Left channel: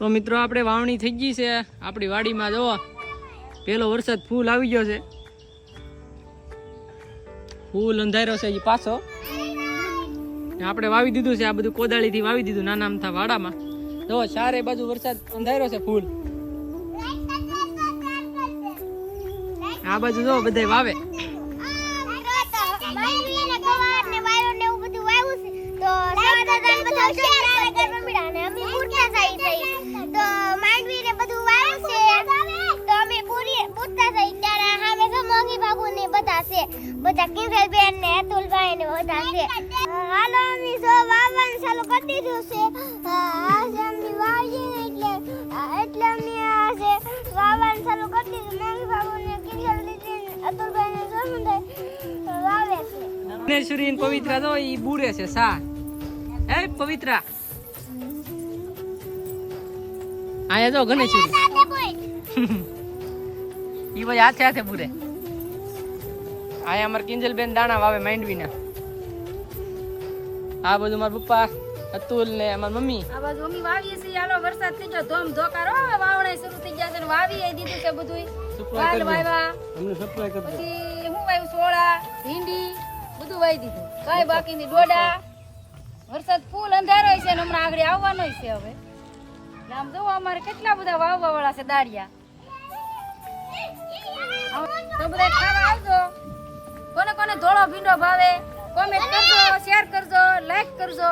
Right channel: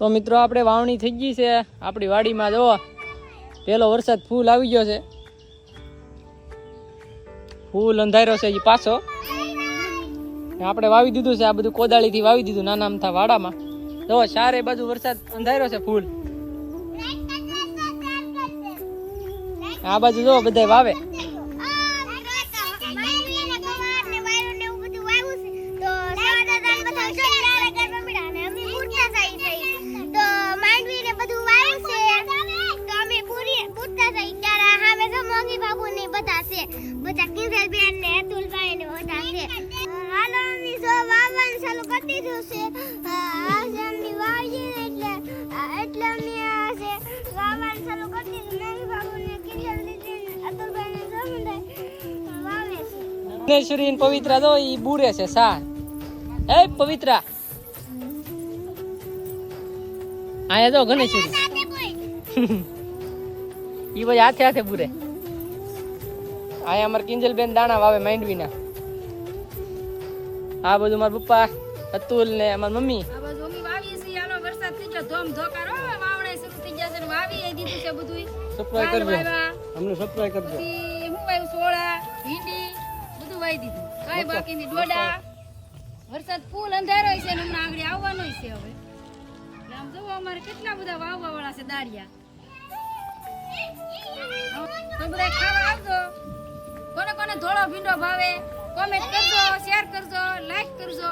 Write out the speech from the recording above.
તો મિત્રો આપણે વાવણી થઈ ગઈ છે આપણી વાડીમાં. જો પેલો વરસાદ ફૂલ આવી ગયો છે, ફૂલ અંધાર્યો છે એ પાછો. આપણે વાવી દીધું છે આ બધું, કોદાળીથી વાવી દીધું નાના અમથા વાડામાં. જો ચારે બાજુ વરસાદ અંધાર્યો છે ફૂલ. આ બાજુ જો બધા વાવે. બધા કિંજલ બેન ને અતુલભાઈ ને બધા છે. હાલો અમે જો વાવવાનું ચાલુ કરી દીધું છે. આજે અમે વાવીએ એટલે અમે આજે વાવવાનું ચાલુ કરી દીધું. નાની બાબુ ને કિંજલ દીદી ને અતુલભાઈ ને જો વાવે છે. ગણેશ્વરી પવિત્રા જો ઈ બુરે છે સા. એ પવિત્રા આયા જો ગણેશ્વરી ઈ ભાઈ હાથે હાથે બુરે. અહીંયા અમારે કિંજલ બેન દાણા વાવે માંડવીના. આ બધું મારા પપ્પા અતુલ ને અમારી મમ્મી. આ બાજુ મમ્મી વાવીએ છે. હાલો વરસાદ થઈ ગયો ધોમ ધોકારો, વાવણે શરૂ થઈ ગયા છે. વાવી દીધું છે બધું. સપ્લાય કરજો અમને, સપ્લાય કરજો. હું વાવ્યું સોળા ભીંડી બધું વાવી દીધું. કઈ બાકી ની ડોડા. વરસાદ ફૂલ અંધારો છે ને હમણાં આગળ આવવાનો છે. હવે આમ જો અમારે કેટલા બધા વાવવા વાળા છે દાળિયા. તો બધા ખાવા આવજો. કોને કોને ધોળો ભીંડો ભાવે કોમેન્ટ કરજો, શેર કરજો, લાઈક કરજો.